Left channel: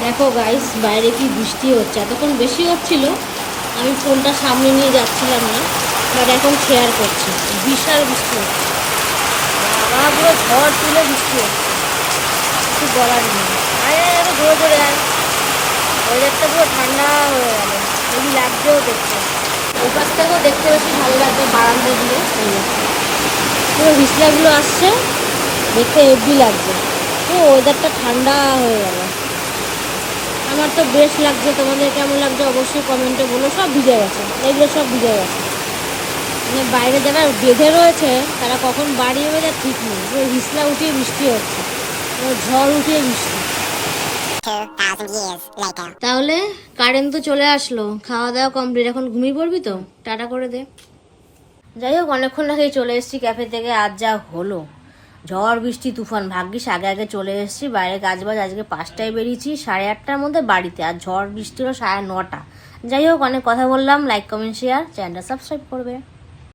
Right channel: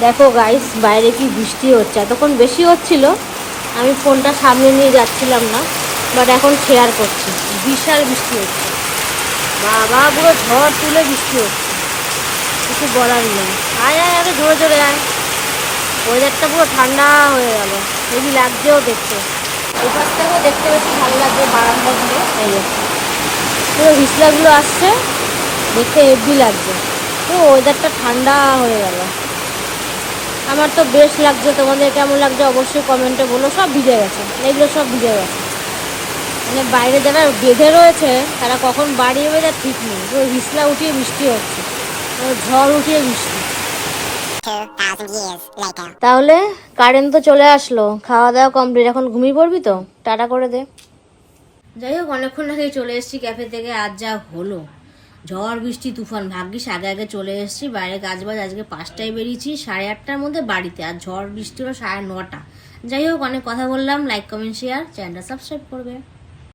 দেখো গাইস, বাইরে কি বৃষ্টি হচ্ছে। তখন বেশি হচ্ছিল, আমি ফোনটা সামনে নিয়ে যাচ্ছিলাম না, বাট এখন শেয়ার করছি। বিশাল বৃষ্টি হচ্ছে, বাবা দিয়ে ঝড় তুলে বৃষ্টি হচ্ছে, কিছু বলার নেই। আরে আরে ধরে ধরে ওয়েদারটা পুরো ঠান্ডা হয়ে গেল, হেভি লাগছেও করছে। এই পাশ থেকেও দেখতে বেশি ভালো লাগবে, বারান্দাগুলো এই আছে, পুরো হিসলাগুলো আসছে, দেখতে হেভি লাগছে। পুরো ওয়েদারটা ঠান্ডা হয়ে গেল। আমার তো বেশ লাগছে, তোমাদের কেমন লাগছে অবশ্যই কমেন্টে বলো। সব ভিজে গেছে, এগুলো সব ভিজে গেছে। মানে বাইরে যারা বেঁধে রয়েছে তারা কখন বাড়ি হবে তার ঠিক নেই। পুরো হিসলা উঠিয়ে বৃষ্টি হচ্ছে, পুরো ঝড় উঠিয়ে বৃষ্টি। তাহলে কারেন্ট তো চলে আসলো, খাওয়া দাওয়া কমপ্লিট, এখন ঘুমিয়ে পড়বি তো? টাটা করে দে। যাই হোক, অনেকক্ষণ আগেই চলে এসেছি ক্যাফে থেকে। আজ যা হলো, ঝড় বৃষ্টি তুফান, ভাগ্যিস আগে আগে চলে এসেছি। বাইরে কাজবাজ, আজকে 5টায় বেরিয়েছি, 8:30টার মধ্যে বাড়িতে। আর ঝড় বৃষ্টি হলো 9:30। যাই হোক, অনেক কথা বললাম। লাইক কমেন্ট শেয়ার, চ্যানেলটা সাবস্ক্রাইব করবে।